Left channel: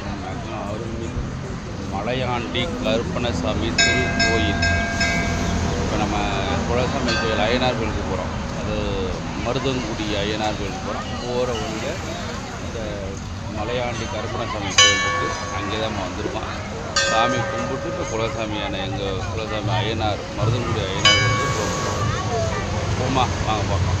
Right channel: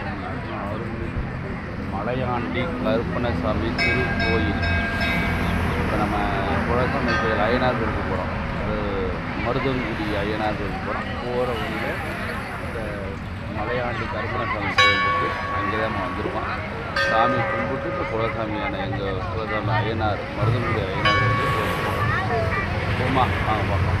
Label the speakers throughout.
Speaker 1: எங்கே அருள்மிகு மலையாண்டி கருப்பணசாமி திருக்கோயில். இப்போ நம்ம குலசாமி கோயில் அய்யனார் கோயிலுக்கு போகிறோம் அது மருதங்குடி அய்யனார் கோயிலுக்கு போகிறோம் போகிற வழியில் இந்த மலையாண்டி கருப்பணசாமி கோயில் இருக்குது அங்கே தான் நம்ம வந்துருக்கோம். சாமி கும்பிட்டு இப்போ குலசாமியான எங்கள் குலசாமி அய்யனார் மருதங்குடி அய்யனார் கோயிலுக்கு போகிறோம் போமா வாங்க பார்க்கலாம்.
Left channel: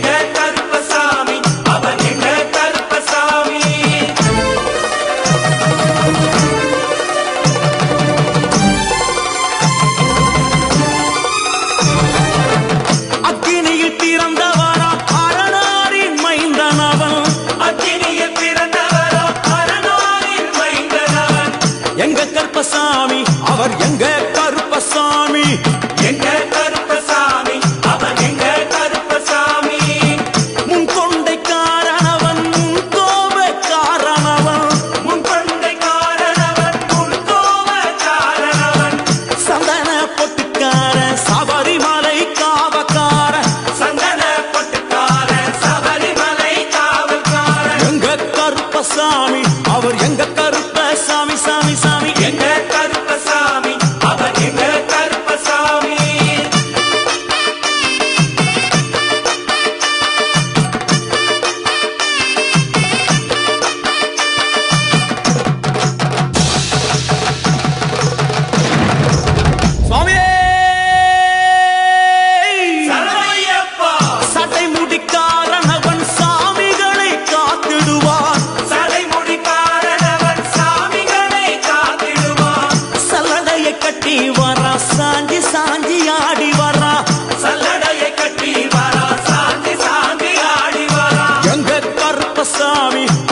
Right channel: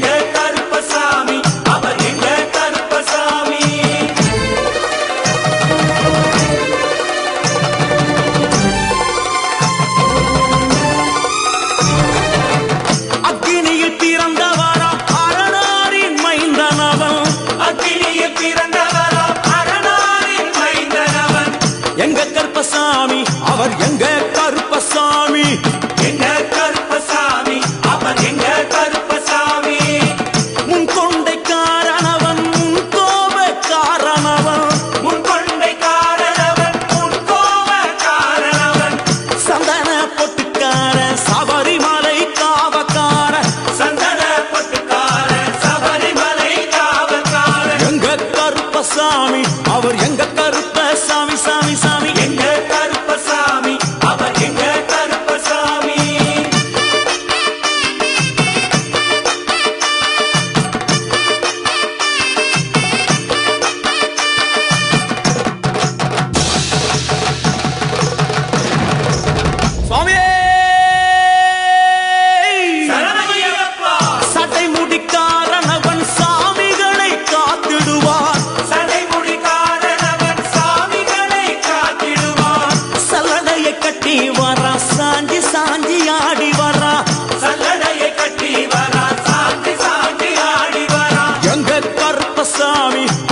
Speaker 2: கோப காரணவன் சந்தன பொட்டுக்கார சபரிமலை காவக்கார. எங்க கருப்பசாமி அவர் எங்க கருப்பசாமி சாமி சாமி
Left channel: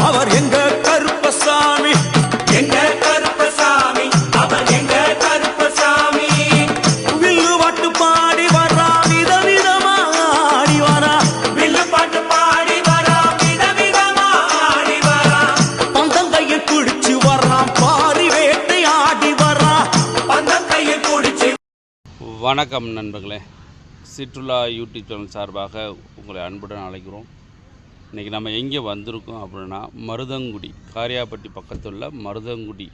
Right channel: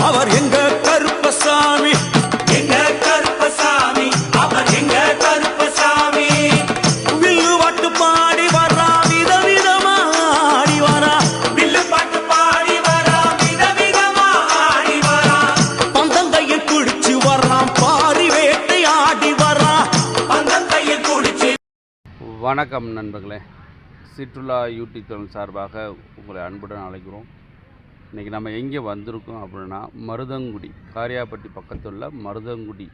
Speaker 3: அவர் எங்க கருப்பசாமி?
Speaker 2: எங்க கருப்பசாமி? அவர் எங்க கருப்பசாமி? வில்லு வாட்டு பாடி வரா விதவிதமா ஆடி வரா.
Speaker 3: வில்லு பாட்டு பாடி வரா விதவிதமா ஆடி வரா.
Speaker 2: பந்தங்கையில் குடிச்சு வர்றான் பாரி வேட்டை ஆடி வரா.
Speaker 3: பந்தங்கையில் குடிச்சு
Speaker 1: வணக்கம் நண்பர்களே. சுற்றுலா யூடியூப் சேனல் சார்பாக உங்களை அன்புடன் அழைக்கிறோம். இன்றைக்கி நம்ம எங்கே வந்திருக்கோம் அப்படின்னா மருதங்குடி காரியாப்பட்டி பக்கத்துள்ள மருதங்குடி.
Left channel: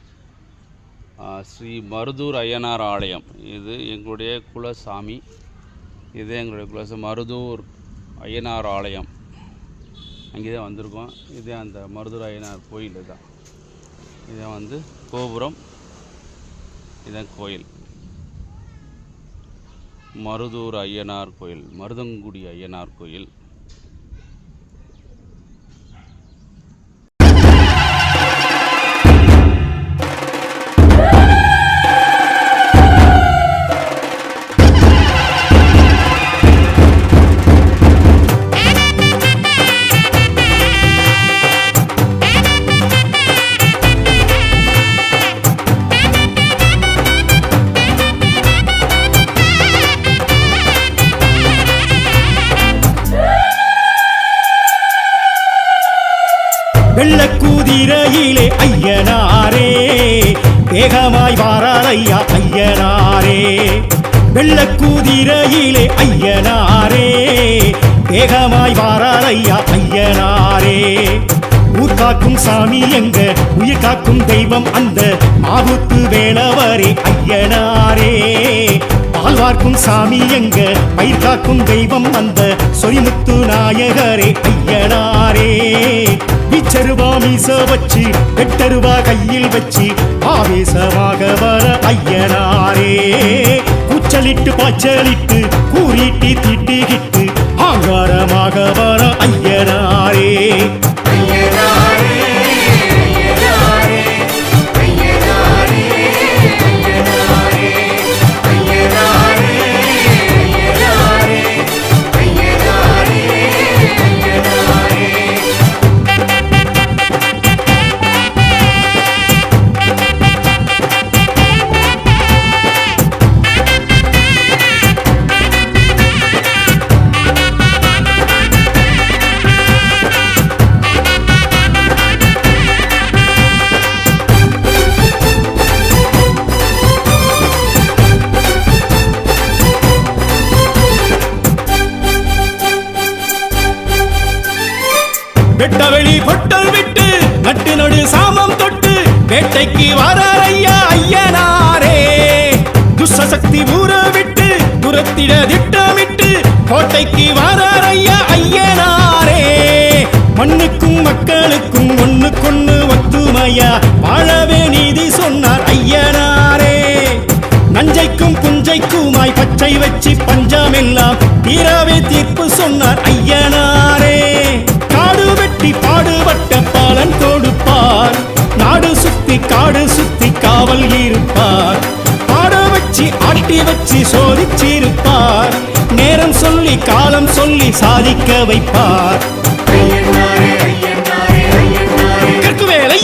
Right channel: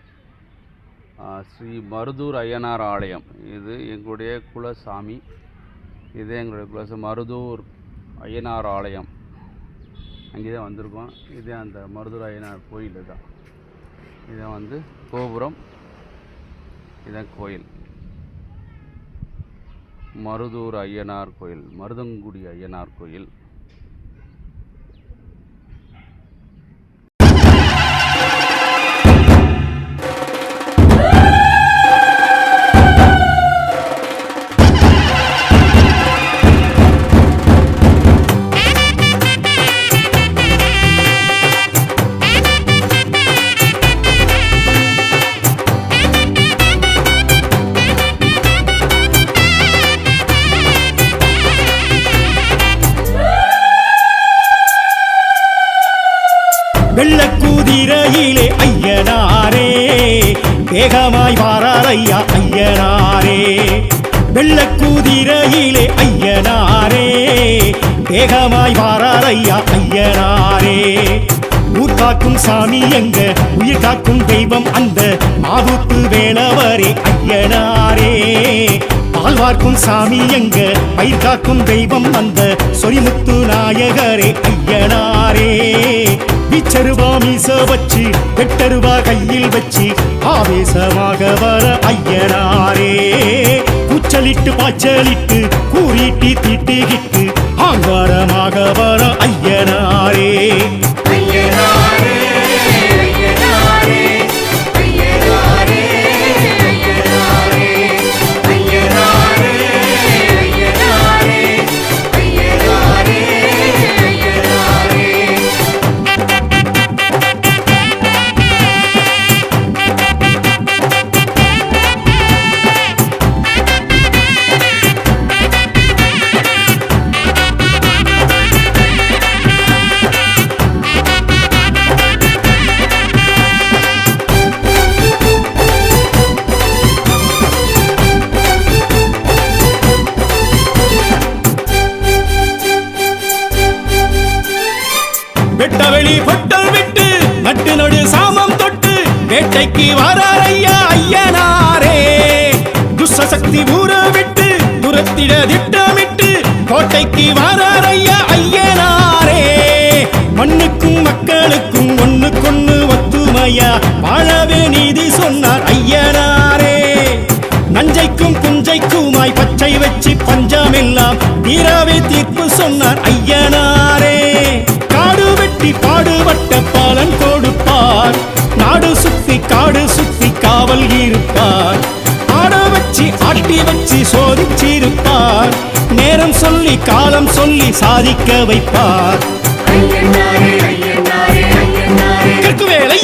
Speaker 1: ஸ்ரீ மருதூர் ஐயனார் ஆலயம். இது எங்களுடைய குலசாமி. இது எங்களுடைய குலச மருதூர் ஐயனார் ஆலயம். அங்கே தான் வந்திருக்கோம். இது அந்த மருதூர் ஐயனார் கோயில் தான். இதான் வந்து கோபுரம். இதான் கோயில். மருதூர் ஐயனார் கோயில் மருதங்குடி ஐயனார் கோயில்.
Speaker 4: வேகமாய் வாரார் ஐயா ஐயனாரே வெள்ளக்கூதிரையிலே ஐயனாரே. வேகமாய் வாரார் ஐயனாரே. ஊர் காக்கும் சாமி எங்க உயிர் காக்கும் தெய்வம் அந்த மாவுத்து வேளவரே ஐயனாரே. ஆழ்வார்க்கும் சாமி எங்க? பயிர் காக்கும் தெய்வம் அந்த சொரிமுத்து நாயகரே ஐயனாரே. விச்சருவா மீச வச்சு வெட்டருவா கையில் வச்சு ஆவேசமாக வர ஐயனாரே. கூச்சலிட்டு பாய்ச்சலிட்டு கூறிட்டு திட்டுகிட்டு ஆங்காரமாக வர ஐயனாரே. நட்டு சாமம் தொட்டு வேட்டைக்கு வரார் ஐயா ஐயனாரே. துஷ்டசக்தி ஊற விட்டு துரத்திட திட்டமிட்டு கோட்டைக்கு வரார் ஐயா ஐயனாரே. மண்ணுக்கும் மக்களுக்கும் ஒண்ணுக்கொண்ணு ஒத்துமையா வாழவே நீதி சொன்னார் ஐயனாரே. நஞ்சைக்கும் புஞ்சைக்குமாய் பச்சை வச்சு பஞ்சமெல்லாம் தீராவே தீர்ப்பு சொன்னார் ஐயனாரே. காடு வெட்டி பாடுபட்ட பாலன் கொடுப்பார். நாடு சுத்தி காடு சுத்தி காவல் இருப்பார். ஆட வச்சு ஆட்டி வச்சு சோதிச்சிருப்பார். நேரம் சொல்லி காலம் சொல்லி சாதிக்க வைப்பார். கற்குவேல்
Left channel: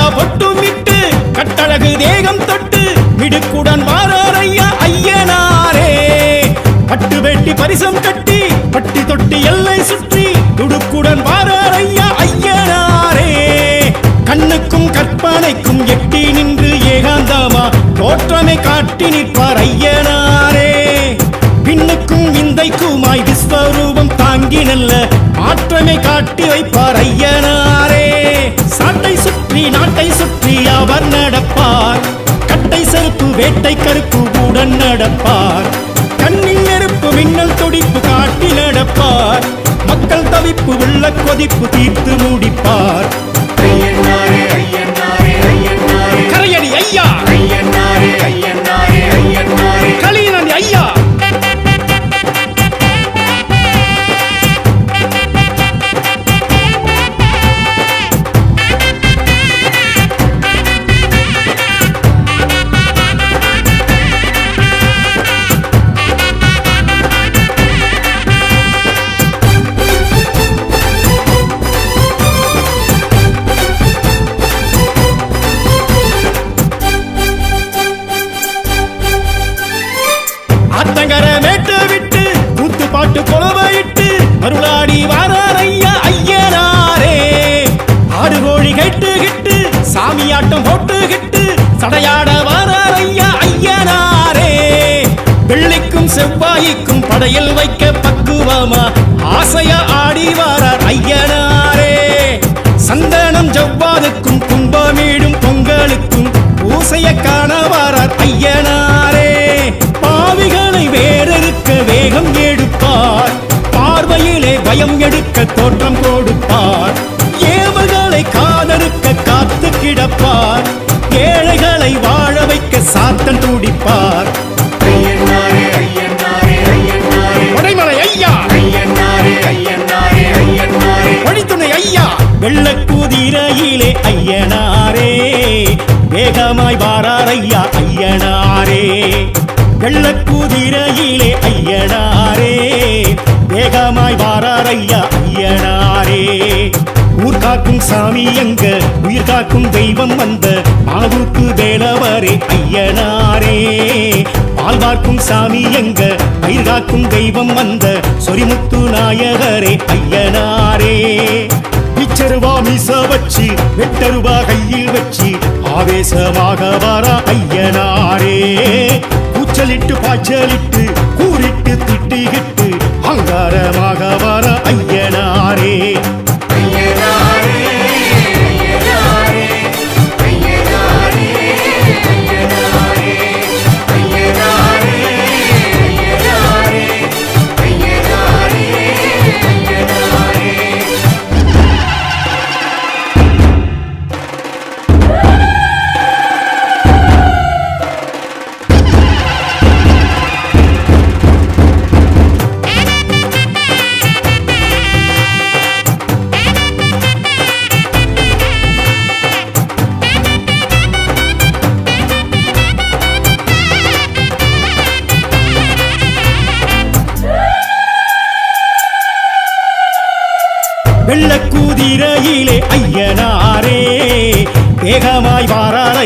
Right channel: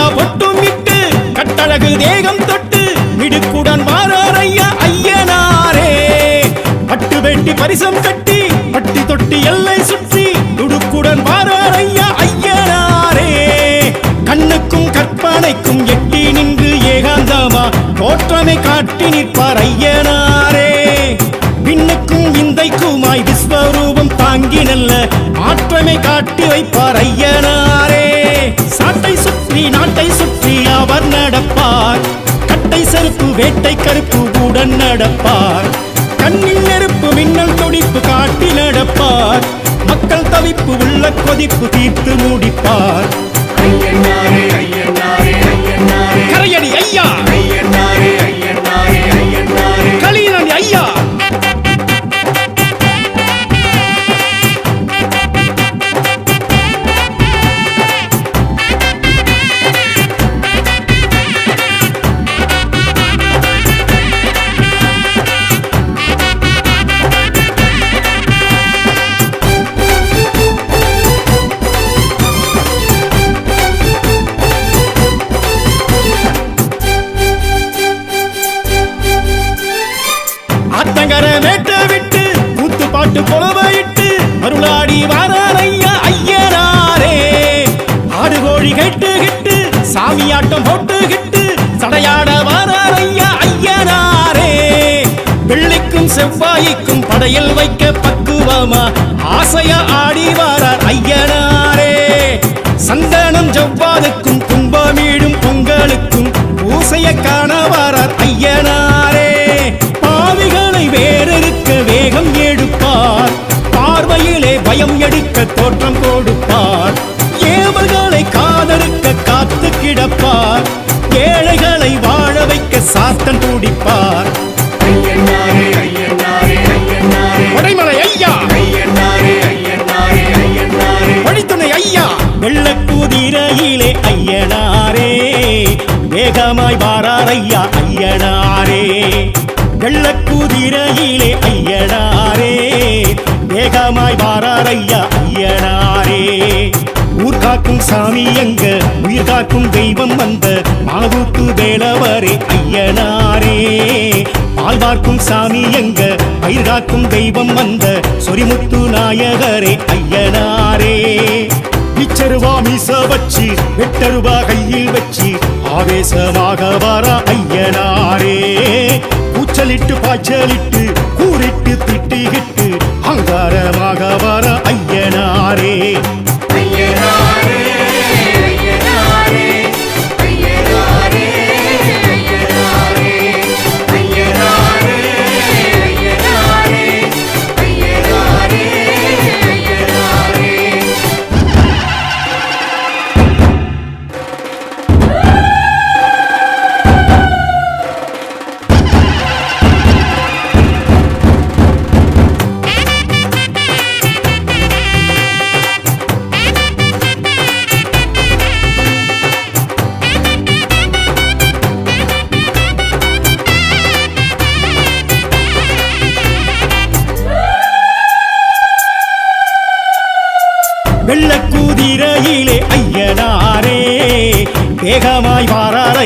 Speaker 4: ஐயா நிலா பொட்டும் இட்டு கட்டழகு தேகம் தொட்டு மிடுக்குடன் மாறார் ஐயா ஐயனாரே. பட்டு வெட்டி பரிசம் கட்டி பட்டி தொட்டி எல்லை சுற்றி துடுக்குடன் வாரார் ஐயா ஐயனாரே. கண்ணுக்கும் கற்பனைக்கும் எட்டி நின்று ஏகாந்தமா தோற்றமை காட்டி நிற்பார் ஐயனாரே. விண்ணுக்கும் இந்தைக்குமாய் விஸ்வரூபம் தாங்கி நல்ல மாற்றமை காட்டி வைப்பார் ஐயனாரே. சாட்டை சுற்றி நாட்டை சுற்றி அவர் நடப்பார். கட்டை செருப்பு வேட்டை கருப்பு உடன் நடப்பார். கண்ணில் நெருப்பு மின்னல் துடிப்பு காட்டி நடப்பார். மக்கள் தவிப்பு உள்ள கொதிப்பு தீர்த்து முடிப்பார். கரையடி ஐயா. களீனன் ஐயா. ஆடு கோழி கெட்டு கிட்டு சாமி ஆட்டம் போட்டு கிட்டு சடையாட வாரார் ஐயா ஐயனாரே. வெள்ளிக்கும் செவ்வாய்க்கும் படையில் வைக்க பக்குவமா ஆசையா ஆடி வாரார் ஐயனாரே. சந்தனம் ஜவ்வாதுக்கும் கும்பமீடும் பொங்கலுக்கும் பூசைய காண வாரார் ஐயனாரே. பாவிகளை வேறறுக்க வேகம் எடுப்பார். பார்வையிலே பயம் எடுக்க தோற்றம் கொடுப்பார். ஏவல்களை காதறுக்க காத்து கிடப்பார். ஏழைகளை வாழ வைக்க சாத்தன் துடிப்பார். கொடைமலை ஐயா. வழித்துணை ஐயா. வெள்ளக்குதிரையிலே ஐயனாரே வேகமாய் வாரார் ஐயா ஐயனாரே. வெள்ளக்குதிரையிலே ஐயனாரே வேகமாய் வாரார் ஐயா ஐயனாரே. ஊர் காக்கும் சாமி எங்க உயிர் காக்கும் தெய்வம் வந்த மாவுக்கு வேலவரே ஐயனாரே. ஆழ்வார்க்கும் சாமி எங்க பயிர் காக்கும் தெய்வம் வந்த சொரிமுத்து நாயகரே ஐயனாரே. இச்சருவா மீச வச்சு வெட்டருவா கையில் வச்சு ஆவேசமாக வர ஐயனாரே. கூச்சலிட்டு பாய்ச்சலிட்டு கூறிட்டு திட்டிகிட்டு அங்காரமாக வர ஐயனாரே.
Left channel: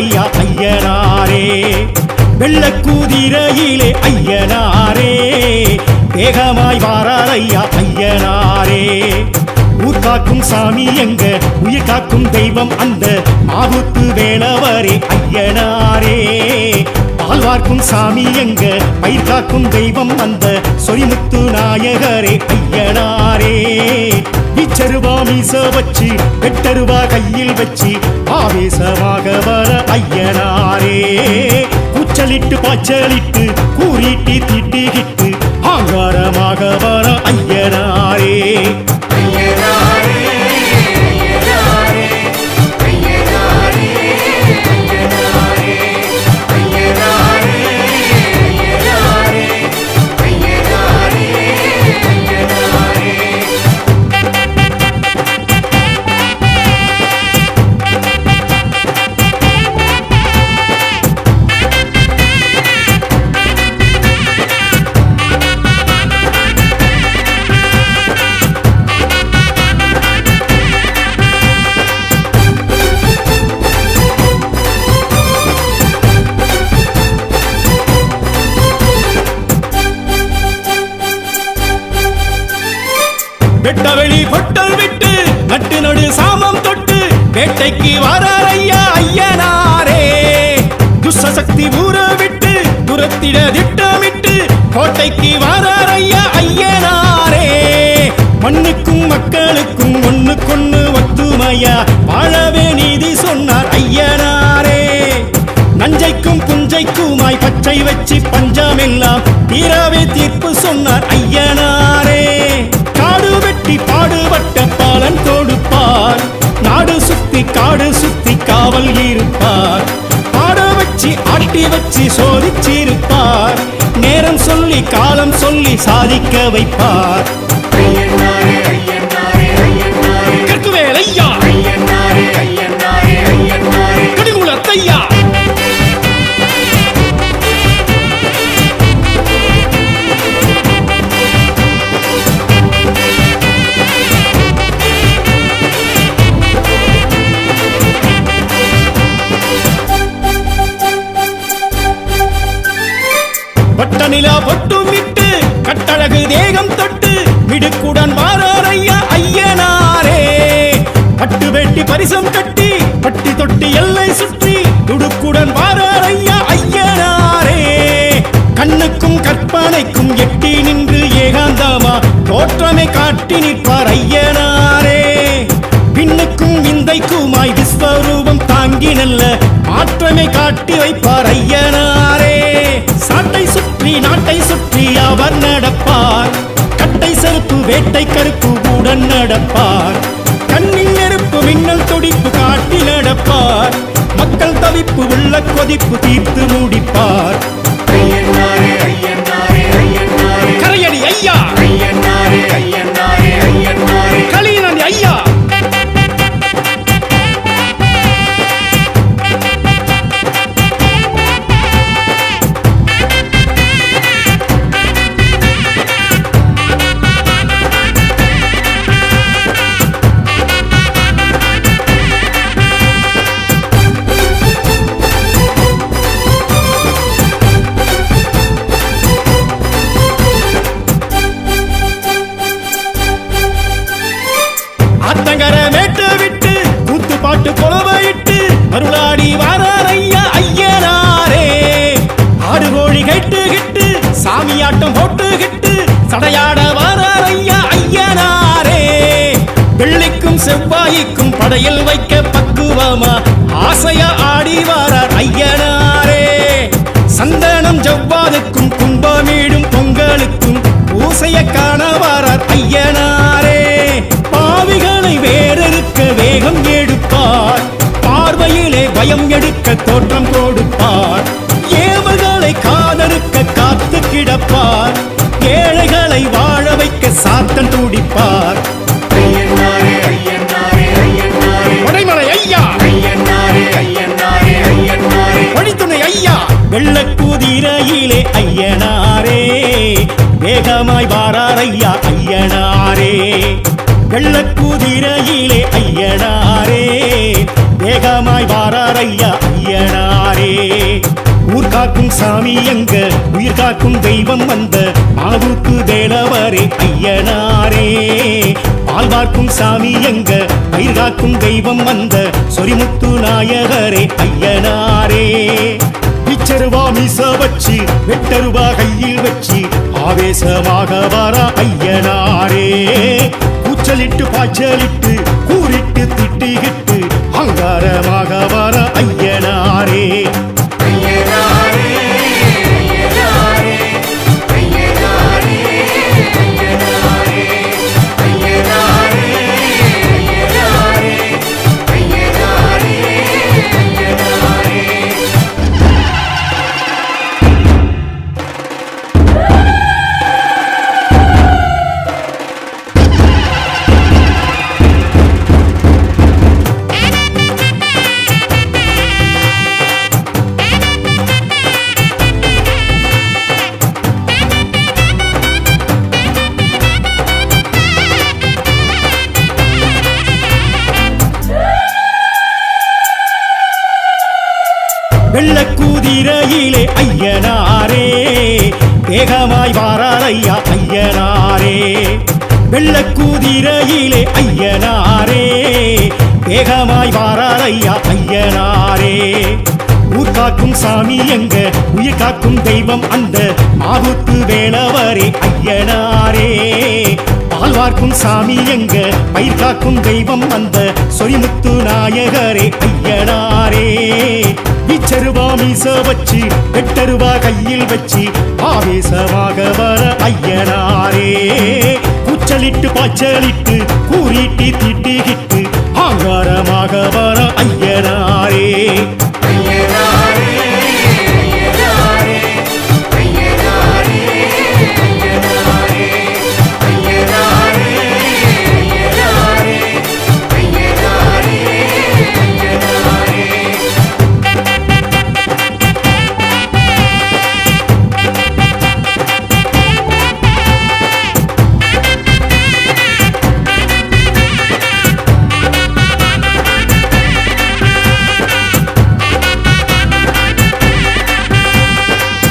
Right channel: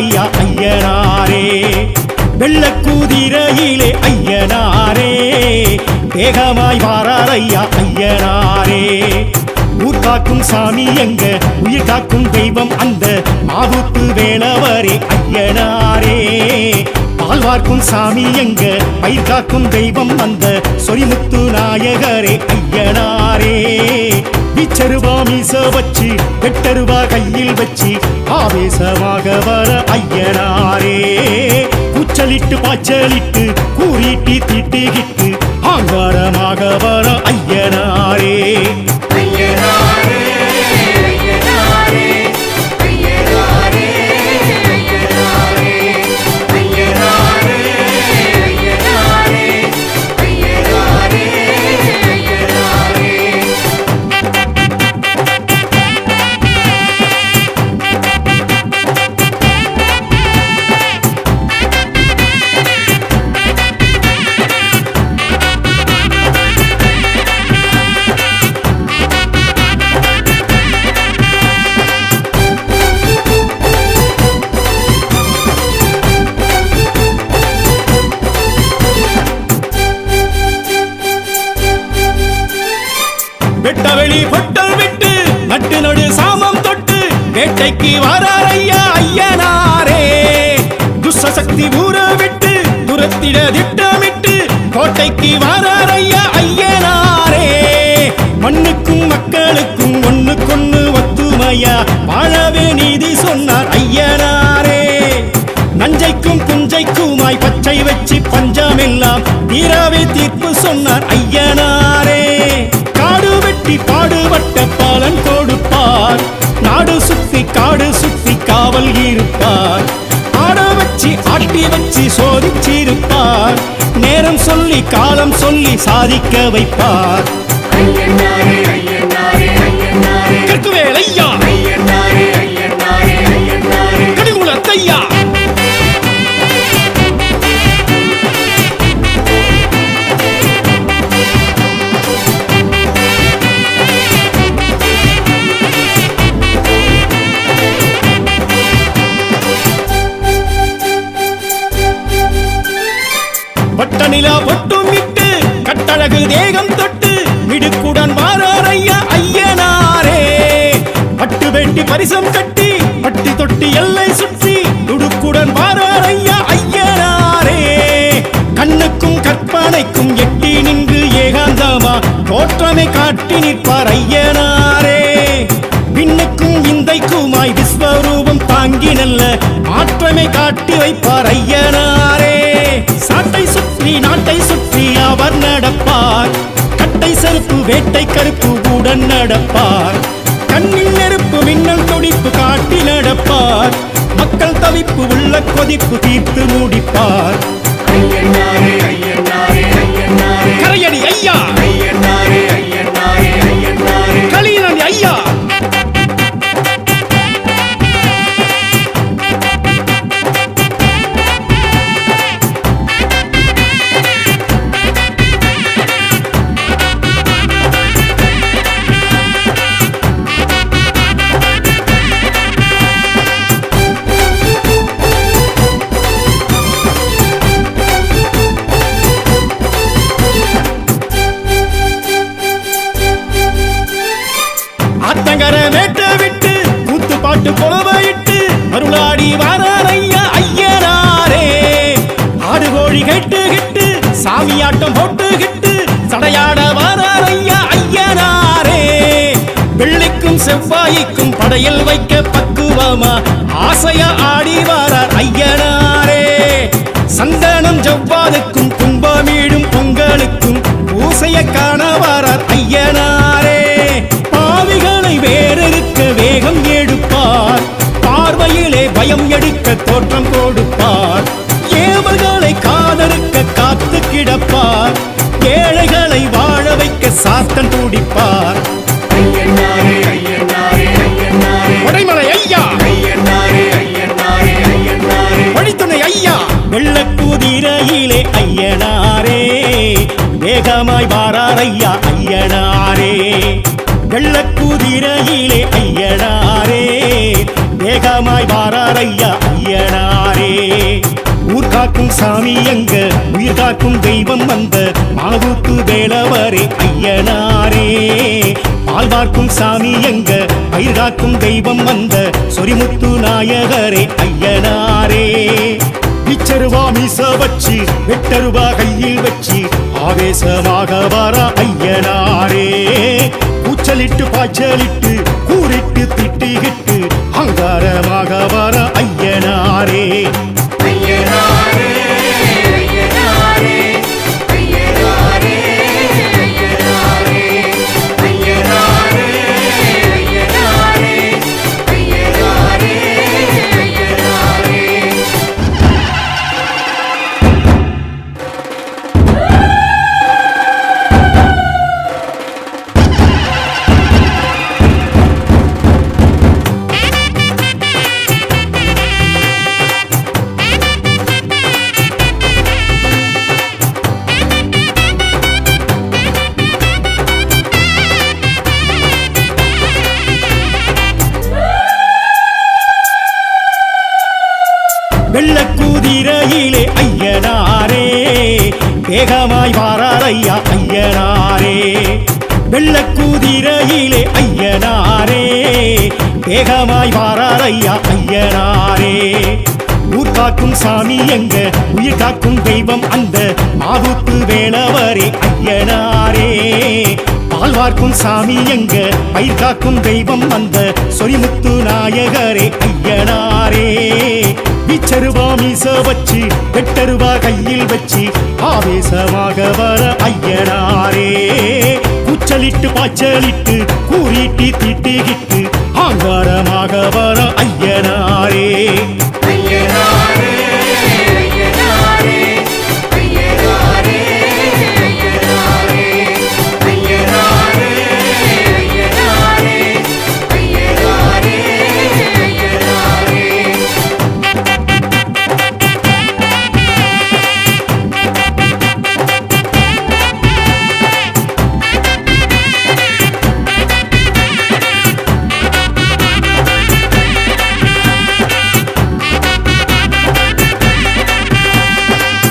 Speaker 4: ஐயா ஐயனாரே. வெள்ள வெள்ளக்கூதிரையிலே ஐயனாரே. வேகமாய் வாரார் ஐயா ஐயனாரே. ஊர் காக்கும் சாமி எங்க உயிர் காக்கும் தெய்வம் அந்த மாவுத்து வேளவரே ஐயனாரே. ஆழ்வார்க்கும் சாமி எங்க? பயிர் காக்கும் தெய்வம் அந்த சொரிமுத்து நாயகரே ஐயனாரே. விச்சருவா மீச வச்சு வெட்டருவா கையில் வச்சு ஆவேசமாக வர ஐயனாரே. கூச்சலிட்டு பாய்ச்சலிட்டு கூறிட்டு திட்டிகிட்டு ஆங்காரமாக வர ஐயனாரே. வெட்டவெளி பொட்டல் விட்டு நட்டு நடு சாமம் தொட்டு வேட்டைக்கு வாரார் ஐயா ஐயனாரே. துஷ்சக்தி ஊற விட்டு துரத்திட திட்டமிட்டு கோட்டைக்கு வாரார் ஐயா ஐயனாரே. மண்ணுக்கும் மக்களுக்கும் ஒண்ணுக்கொண்ணு ஒத்துமையா வாழவே நீதி சொன்னார் ஐயனாரே. நஞ்சைக்கும் புஞ்சைக்குமாய் பச்சை வச்சு பஞ்சமெல்லாம் தீராவே தீர்ப்பு சொன்னார் ஐயனாரே. வெட்டி பாடுபட்ட பாலன் கொடுப்பார். நாடு சுத்தி காடு சுத்தி காவல் இருப்பார். ஆட வச்சு ஆட்டி வச்சு சோதிச்சிருப்பார். நேரம் சொல்லி காலம் சொல்லி சாதிக்க வைப்பார். கற்குவேல் ஐயா. ஒட்டுமிட்டு கட்டழகு தேகம் தொட்டு மிடுக்குடன் வாரார் ஐயா ஐயனாரே. பட்டு வெட்டி பரிசம் கட்டி பட்டி தொட்டி எல்லை சுற்றி துடுக்குடன் வாரார் ஐயா ஐயனாரே. கண்ணுக்கும் கற்பனைக்கும் எட்டி நின்று ஏகாந்தமா தோற்றமை காட்டி நிற்பார் ஐயனாரே. விண்ணுக்கும் விந்தைக்குமாய் விஸ்வரூபம் தாங்கி நல்ல மாற்றமை காட்டி வைப்பார் ஐயனாரே. சாட்டை சுற்றி நாட்டை சுற்றி அவர் நடப்பார். கட்டை செருப்பு வேட்டை கருப்பு உடன் நடப்பார். கண்ணில் நெருப்பு மின்னல் துடிப்பு காட்டி நடப்பார். மக்கள் தவிப்பு உள்ள கொதிப்பு தீர்த்து முடிப்பார். கரையடி ஐயா. களியனடி ஐயா. ஆட்டம் போட்டுகிட்டு சடையாட வாரார் ஐயா ஐயனாரே. வெள்ளிக்கும் செவ்வாய்க்கும் படையில் வைக்க பக்குவமா? ஆசையா ஆடி வாரார் ஐயனாரே. சந்தனம் ஜவ்வாதுக்கும் கும்பமீடும் பொங்கலுக்கும் பூசைய காண வாரார் ஐயனாரே. பாவிகளை வேறறுக்க வேகம் எடுப்பார். பார்வையிலே பயம் எடுக்க தோற்றம் கொடுப்பார். ஏவர்கள் ஏவல்களை காதறுக்க காத்து கிடப்பார். ஏழைகளை வாழ வைக்க சாத்தன் துடிப்பார். வடைமலை ஐயா. வழித்துணை ஐயா. வெள்ளக்கூதிரையிலே ஐயனாரே. வேகமாய் வாரார் ஐயா ஐயனாரே. வெள்ளக்கூதிரையிலே ஐயனாரே. வேகமாய் வாரார் ஐயனாரே. ஊர் காக்கும் சாமி எங்க உயிர் காக்கும் தெய்வம் வந்த மாவுக்கு வேளவரே ஐயனாரே. ஆழ்வார்க்கும் சாமி எங்க பயிர் காக்கும் தெய்வம் வந்த சொரிமுத்து நாயகரே ஐயனாரே. பிச்சருவா மீச வச்சு வெட்டருவா கையில் வச்சு ஆவேசமாக வர ஐயனாரே. கூச்சலிட்டு பாய்ச்சலிட்டு கூறிட்டு திட்டிகிட்டு அங்காரமாக வர ஐயனாரே. வெள்ளக்கூதிரையிலே ஐயனாரே வெள்ள வெள்ளக்கூதிரையிலே ஐயனாரே வேகமாய் வாரார் ஐயா ஐயனாரே. ஊர் காக்கும் சாமி எங்க உயிர் காக்கும் தெய்வம் அந்த மாவுத்து வேளவரே ஐயனாரே. பால் வார்க்கும் சாமி எங்க? பயிர் காக்கும் தெய்வம் அந்த சொரிமுத்து நாயகரே ஐயனாரே. விச்சருவா மீச வச்சு வெட்டருவா கையில் வச்சு ஆவேசமாக வர ஐயனாரே. கூச்சலிட்டு பாய்ச்சலிட்டு கூறிட்டு திட்டிகிட்டு ஆங்காரமாக வர ஐயனாரே.